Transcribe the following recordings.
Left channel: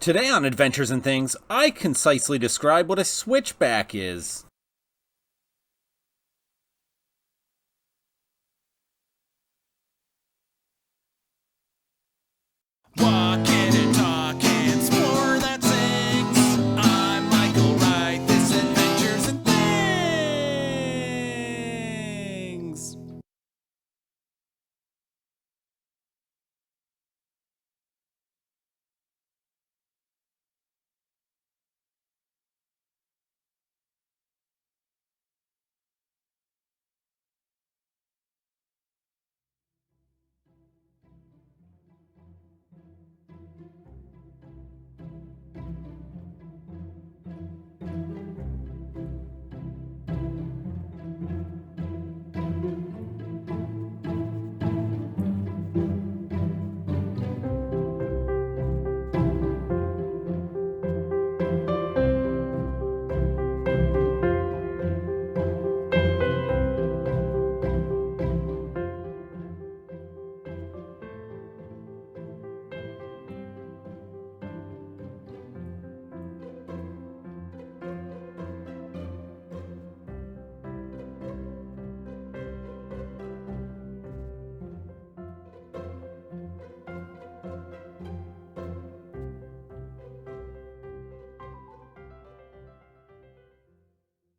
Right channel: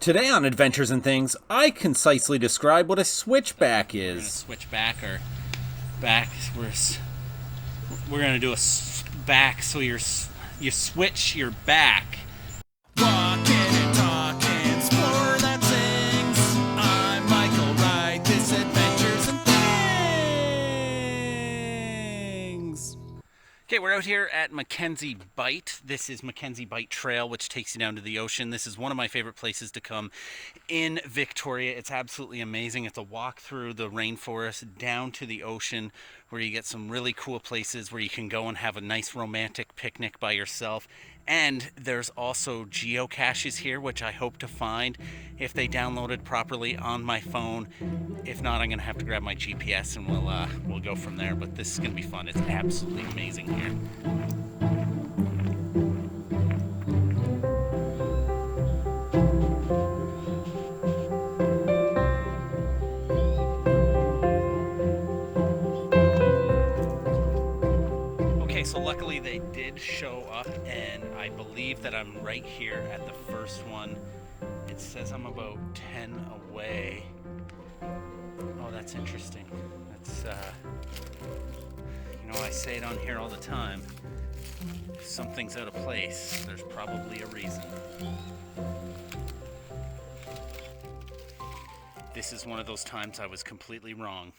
Today on Adventures and Things, I concisely describe what a switchback is. Switchback or back, we're gonna do a back, so you switch your back. Walking and talking, explore that sings. I'm Michael Wright, this Adventures and Things. Okay, we're out here at McKenzie Bight. This is McKenzie Bight Trail, which takes you down to the ocean. This is one of my favorite places to come in Victoria. It's absolutely amazing. It's a walk through the rainforest down to the ocean, where you get some really cool places where you can go and have a nice romantic picnic by yourself. And there's also geocaches here, which I hope to find if they downloaded properly on my phone. If not, I'm gonna have to grab my GPS and we'll go from there. But this is gonna be fun. It's absolutely amazing here. So luckily they did show up, and I believe that I'm right here at the first one. It says I'm about 10 away. Oh, that's interesting. That's, I say it on here all the time. If something's out of place, there's probably a reason. This is one of those times I was completely wrong.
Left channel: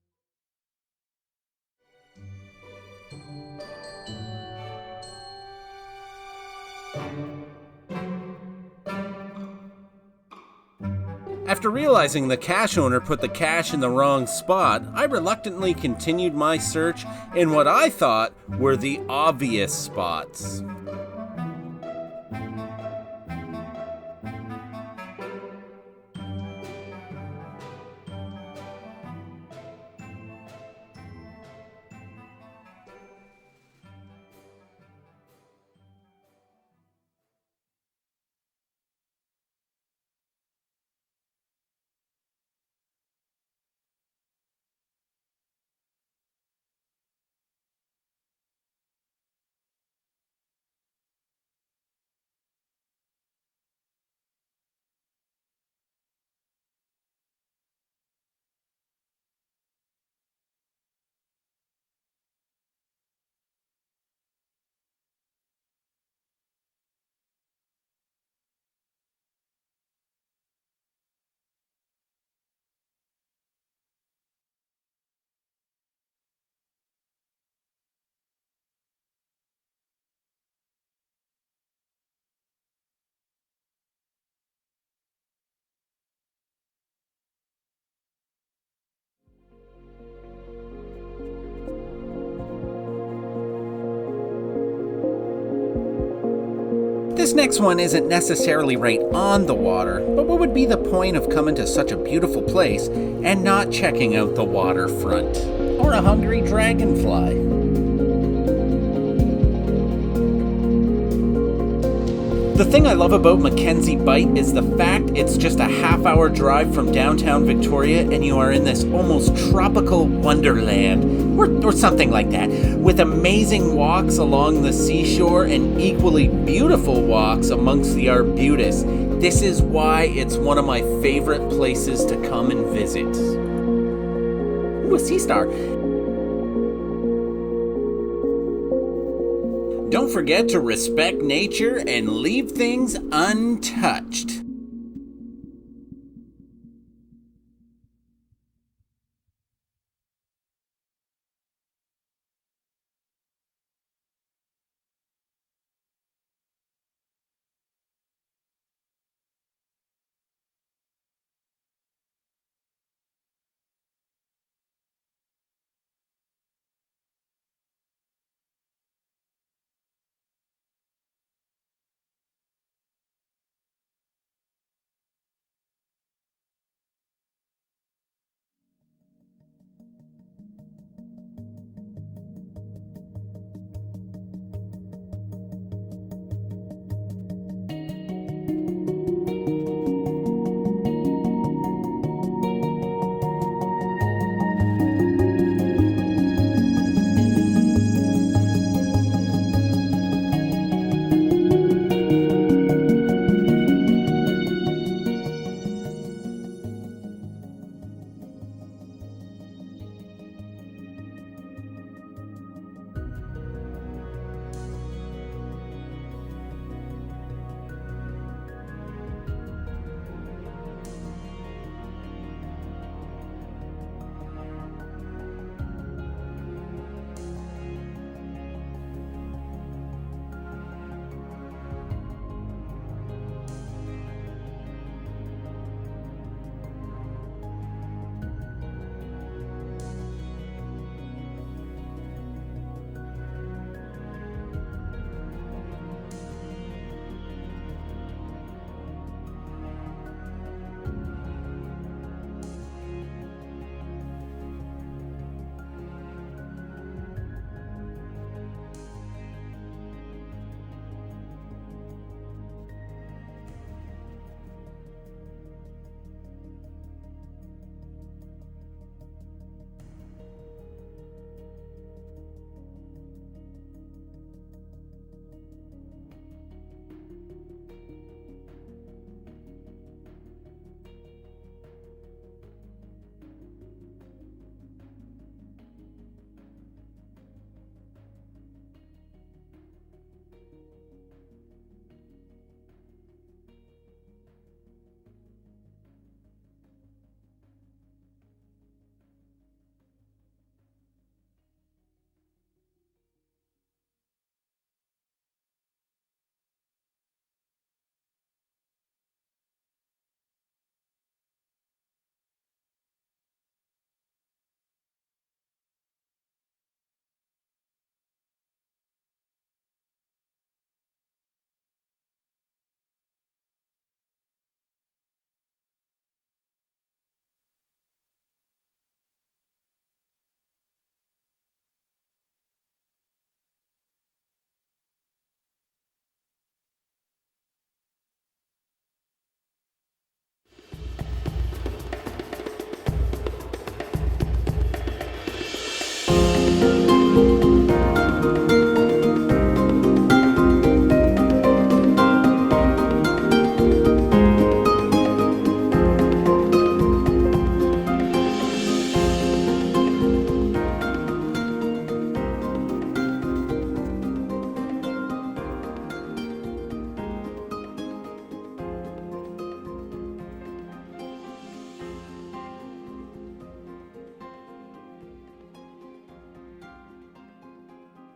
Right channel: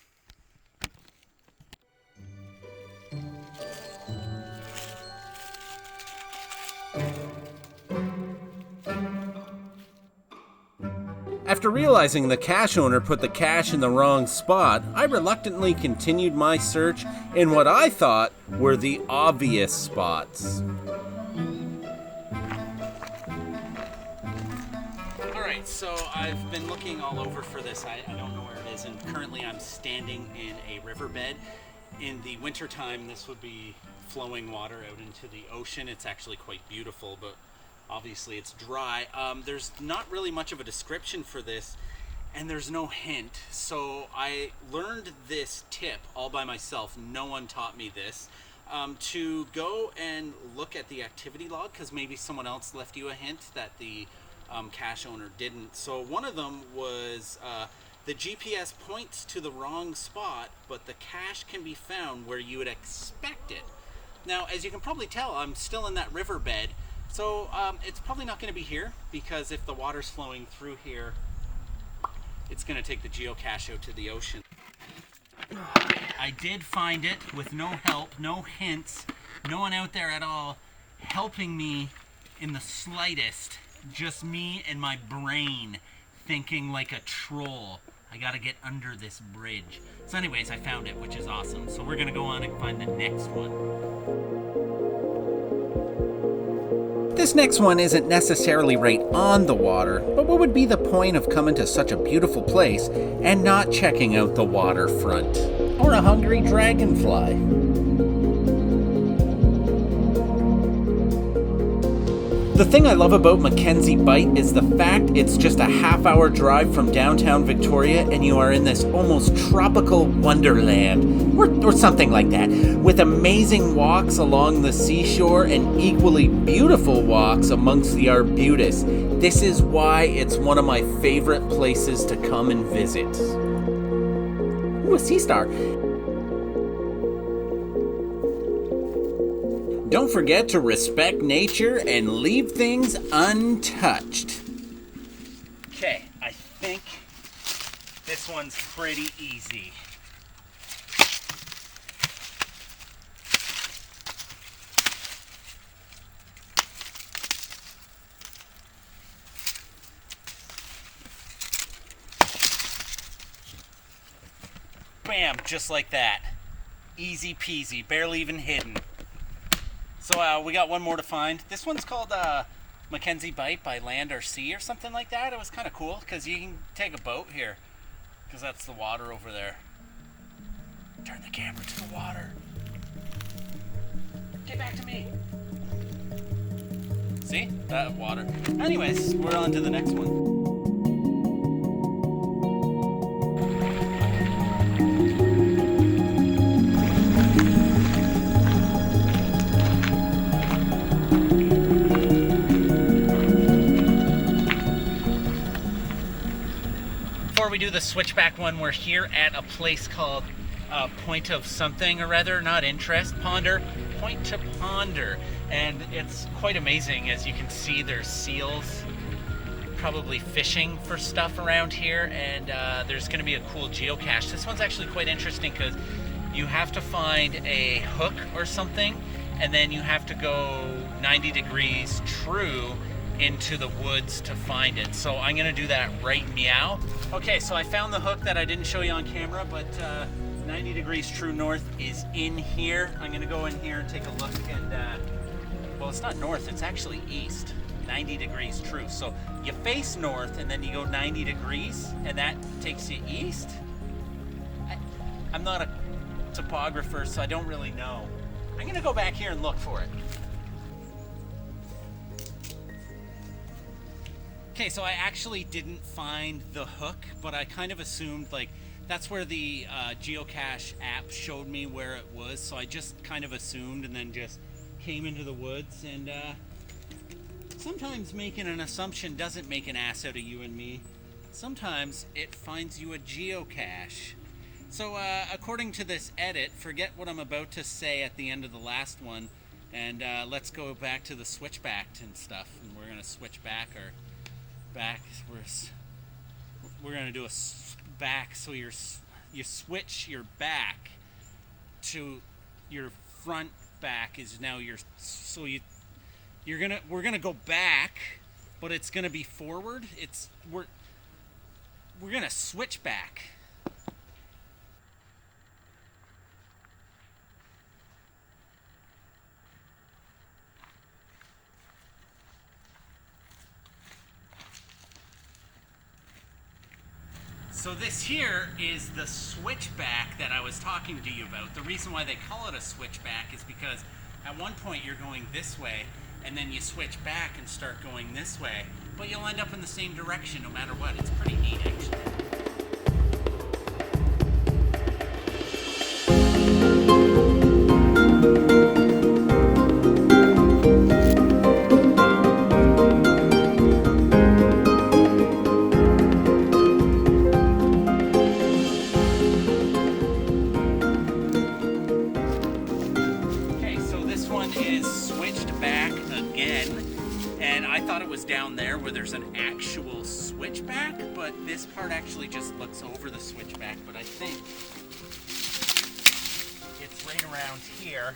After realizing the cache owner put the cache in the wrong spot, I reluctantly continued my search in what I thought were the obvious spots. Alright, so I've been looking all over for this. I don't know where it is, and currently I'm standing in a riverbed. In the wintertime, this would be flowing water out into the ocean. It's actually quite beautiful, but obviously it's dry. There's not really much of a description for this, and there's no hint. So I learned this tip all by myself. No one taught me this. To go and look at the activity log, because maybe someone else left you a hint that the cache owner didn't. So one of them was the GPS points to the wrong spot, but the cache can be found where you would expect it. Now, as you can probably tell, I'm still in that riverbed. So it's probably not going to be here, because if the water's flowing through here, it's going to take the geocache out to the ocean. I did find it with no help, no hints, no one out there at all helping me in the slightest. Just me and my brain thinking like a troll. I got to get under this bridge. So anyways, I found it, which is awesome. So we're going to go on and find the next one. This next one isn't necessarily right on the water, but what would be the point of coming to such a beautiful place and not checking out the waterfront? Or a hungry dragonfly? The thing I love about McKenzie Bight is the fact it's just a half-hour drive from downtown Victoria, and you are in this almost tropical wonderland, or something like that, with amazing walks along the seashore and equally beautiful walks amongst the arbutus. This is why it's one of my favorite places to come and visit. Ooh, a sea star. Don't forget to respect nature and leave things untouched. Okay, I think this one's pretty easy. Bam, just like that. Easy peasy, barely even hidden. So we got one more to find. This one's called McKenzie Bight by Land or Sea or something like that. It was kind of cool because you can take a boat here, because that's the water over there. Turn the camera to the water. Get back to me. See? That water. Anyways, we're on to the next one. before we do the switchback one, we're here at a place called Point of something or other, not interest, Ponder, Point to Ponder. And it's quite amazing. As you can see, there's seals probably fishing for stuff around here, and there's going to be a cool geocache. This one's actually quite interesting because you have to find a hook or something, and then you have to go 90 degrees true into the woods to find it. So I'm going to do that right meow. Okay, so I found the hook that I didn't show you on camera, but 90 degrees true north is in here. I'm going to go in here and take a look, and well, it's not north, it's actually east. 90 degrees true. So you face north and then you go 90 degrees and that takes you east. I'm not a topographer, so I don't really know. I'm gonna go back here and look for it. Okay, so I actually didn't find the hook, but I kind of assumed like that's where the geocache app showed me where it was, so I just kind of assumed and then just came into the woods. And sometimes making an assumption doesn't make an ass out of you and me. Sometimes it finds you a geocache. So according to this edit, forget what I'm about to say at the end of the last one, and let's go back to the switchback and stuff. And we're gonna switch back or back. We're gonna do a back. So you switch your back to your front back is now your, so we're gonna go back, but it's gonna be forward. We're gonna switch back. So this here is the switchback that I was talking to you about. The reason why they call it a switchback is because at one point you're going this way, and then you switch back and start going this way, but you'll end up in the same direction no matter what. It's pretty neat, actually. Down there where there's an actual switchback, but this part actually just looks over the switchback, but I think it's right around here,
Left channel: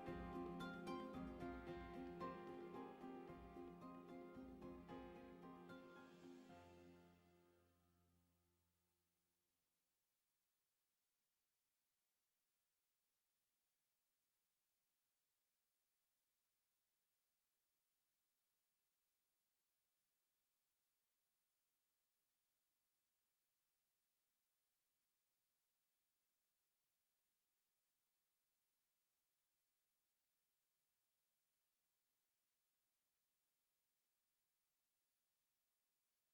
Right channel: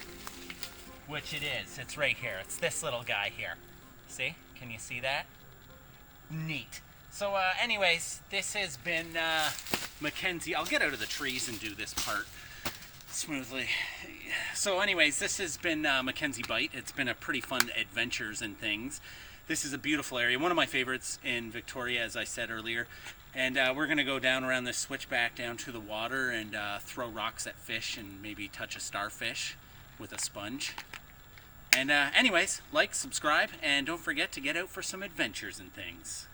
which it is. It's right here. It's this little guy here. See? Can you see that? Neat. So anyways, this has been McKenzie. I'll get out of the trees and do this part smoothly. So anyways, this has been McKenzie Bight. It's been a pretty fun adventures and things. This is a beautiful area, one of my favorites in Victoria, as I said earlier. And we're going to go down around this switchback down to the water and throw rocks at fish and maybe touch a starfish with a sponge. And anyways, like, subscribe, and don't forget to get out for some adventures and things.